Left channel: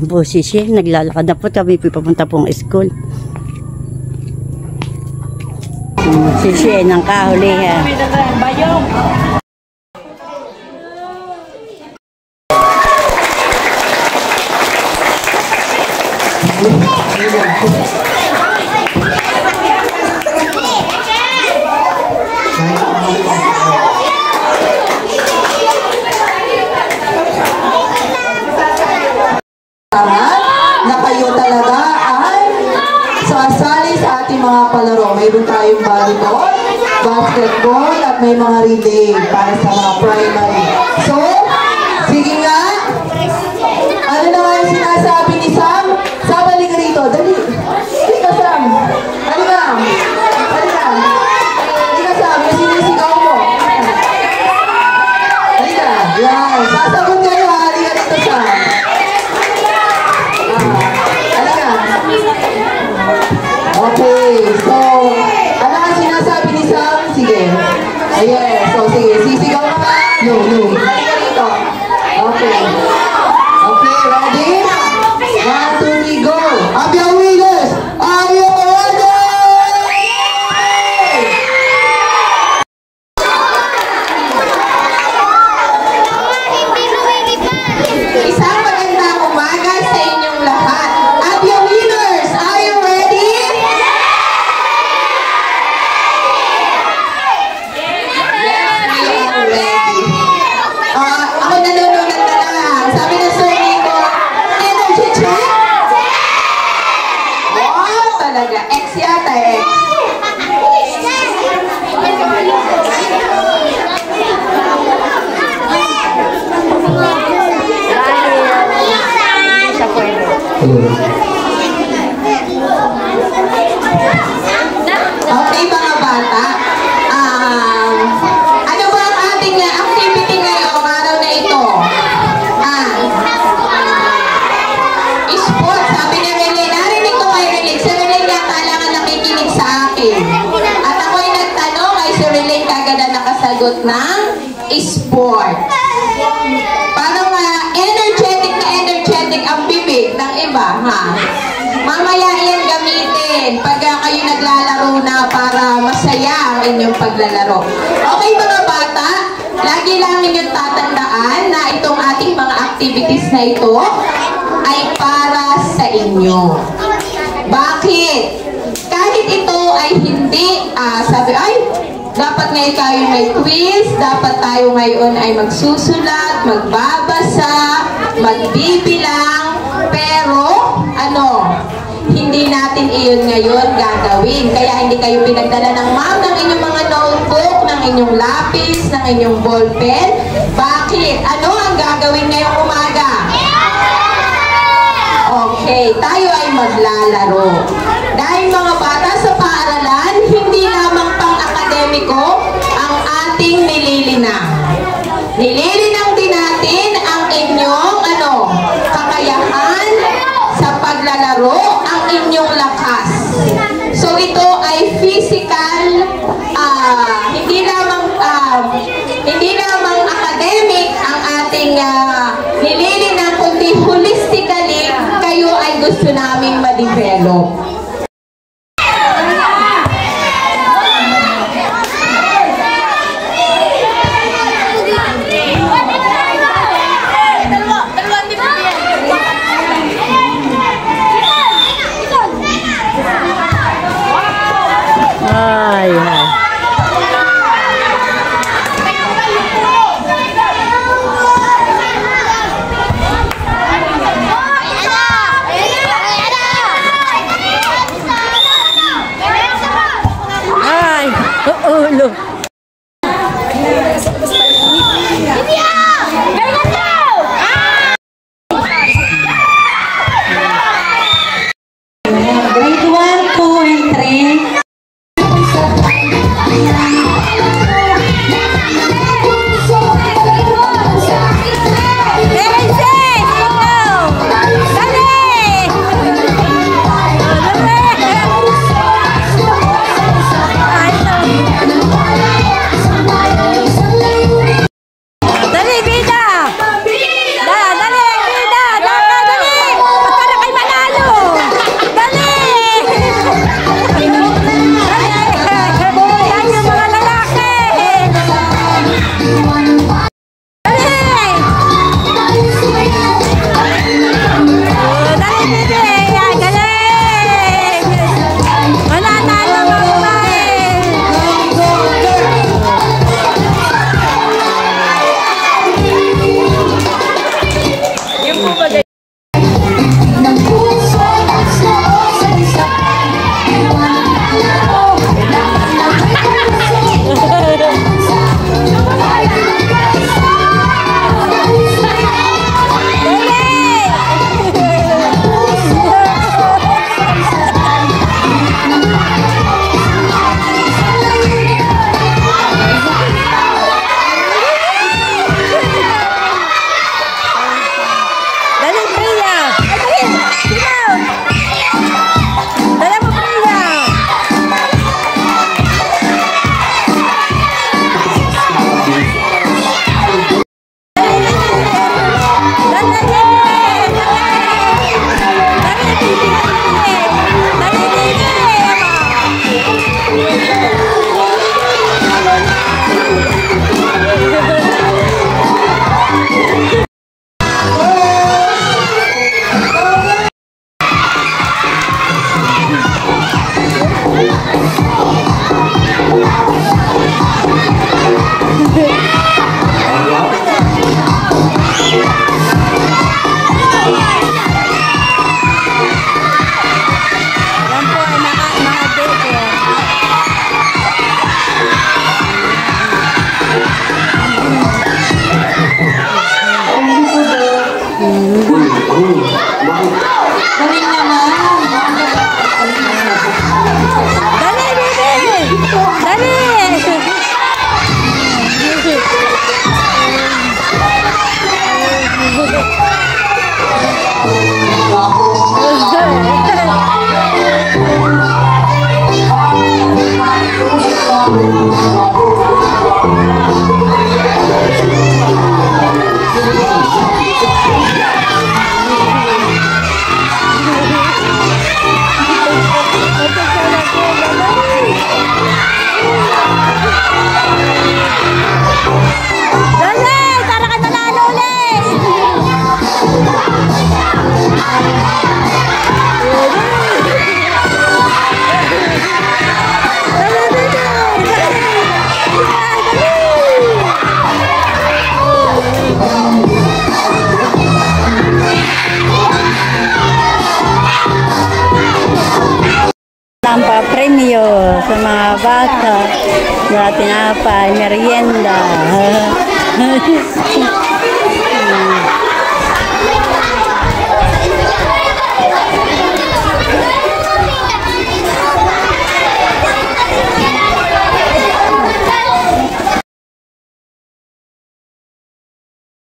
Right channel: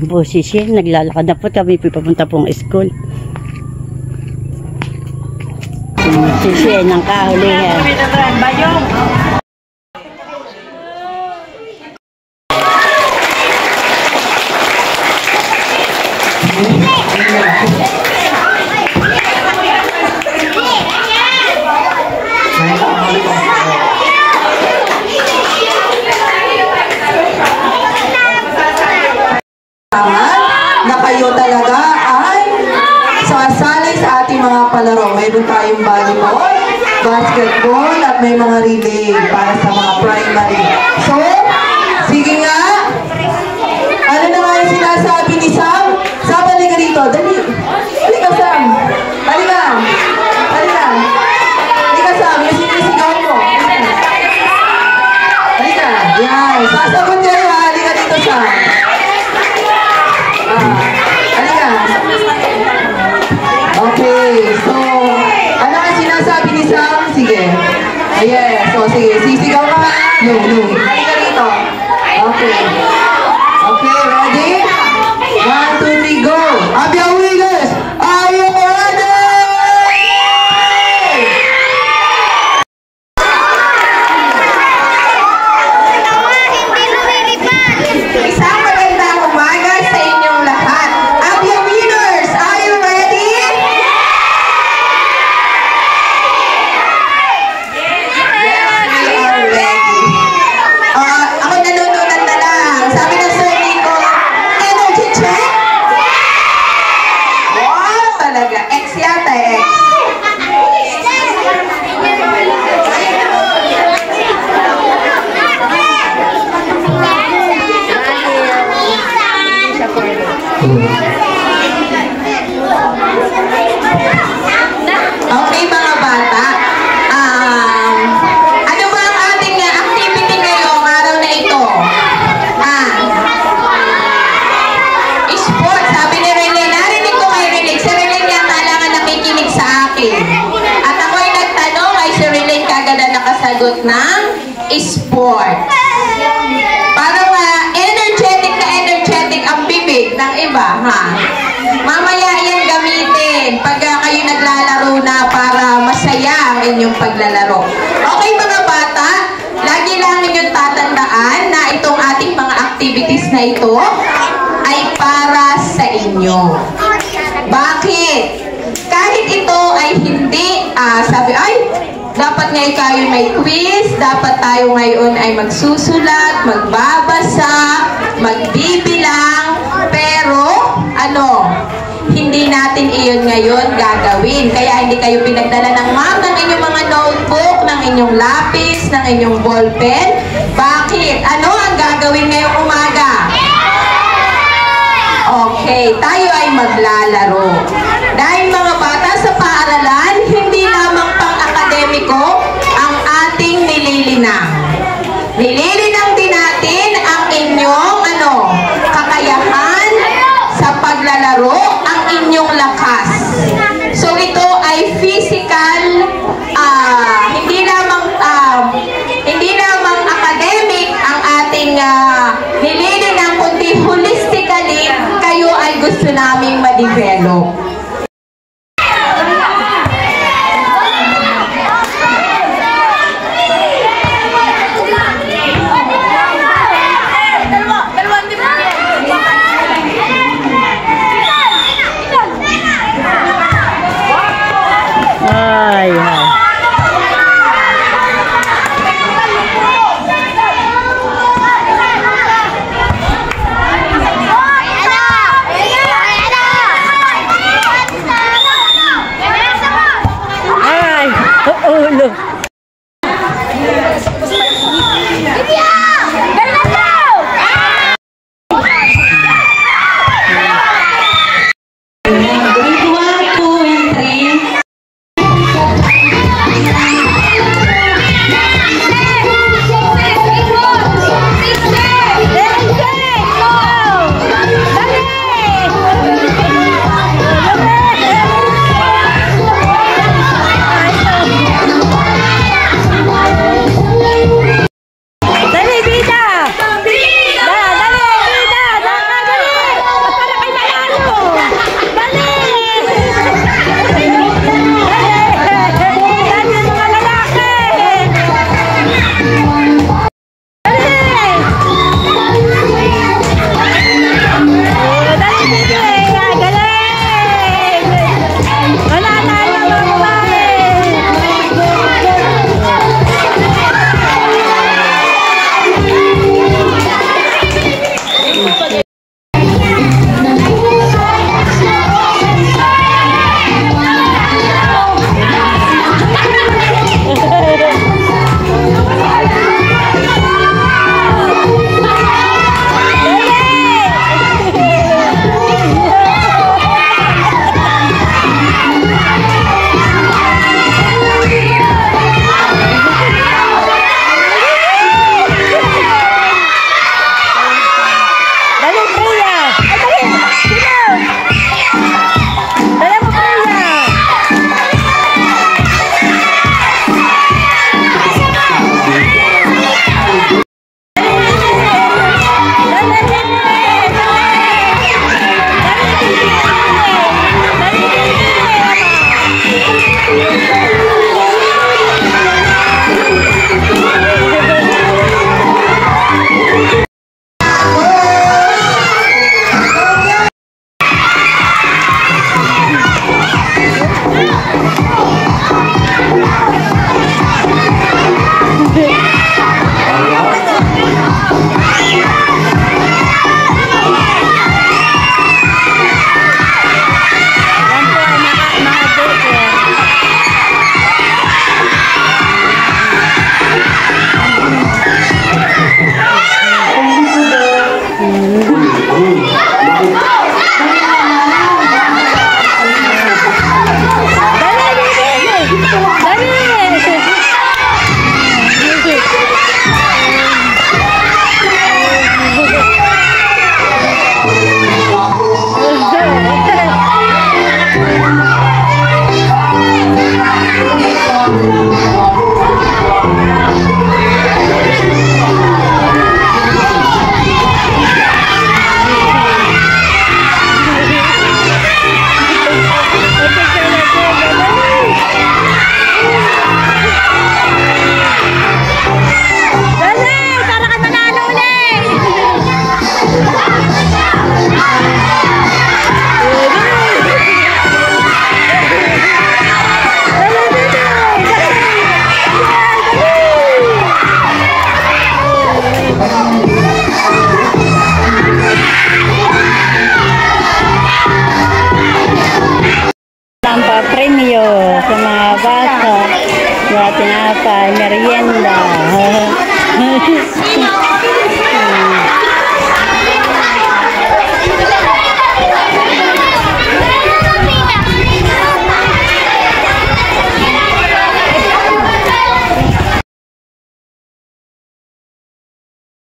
Yan po si Shen, naglalakad na po kami papunta pong school. Si Shen ang kahulihan. Bayong. Na kayo talaga ay sasali sa ating mga palaro. Mayroon tayong volleyball, basketball, at may mga relay para sa mga primary. So, sige nga. Ano na nga yung sinasabi ni Sam? Sam, halika rito. Dali. Halika, Sam. Halika. Halika. Halika, Sam. Yung sinisigaw mo. Halika. Yan. Sasagot kayo, ha. Halika dito, Sam. Okay, so, ano ang sinasabi ni Sam? Sige. Yes, so sige, sisigaw ka nga. No. Halika dito. Okay. Okay, ready? 1, 2, 3, go! Abia Wiggles! Are you ready? Isang magandang umaga sa inyong lahat. Abia Winners, are you ready? Yes, we are ready. Ako nanununan na lang. Sabi ng surname ko, energy check? Wow, talaga. X yata, X. Okay mga bata, ano ba ang ating activity ngayong araw na ito? Sport, sabi ni Rene, narinig ko kay Rene, si Rene yata lang ang nakikinig sa akin. At ako ay nagtanong, ay si Rene kagad na nakasagot ng sport. Parang energetic ang bibig ng iba, ha? Mamaya yan gamitin pag kayo naglalaro na para masaya ang inyong paglalaro. Okay mga bata, lagi lang ninyong tatandaan na itong ating mga activities na ito ay para sa inyo. Bakit? Kahit ito ay hindi, sabi, ay, dapat ngayon kayo may quiz, dapat tayo ngayon ay magsusulat, magbabasa, magbibilang, pero, hindi natin iyon ngayon gagawin. Kaya hindi kayo pinagdala ng ma'am ng inyong mga notebook, ng inyong lapis, ng inyong ballpen. Bakit? Ano ang gagawin ngayong umaga? Okay, tayo ay maglalaro. Dahil mga bata sa paaralan, hindi lamang pang-akademiko ang ating nililinang. Nililinang din natin ang inyong kakayahan sa paglalaro, ang inyong lakas. So ito ay physical, hindi lamang academic ang ating nililinang, kundi holistically kayo ay gusto naming ma-develop. Ay. Ulo. Ay, pata, mga tinapay, merienda.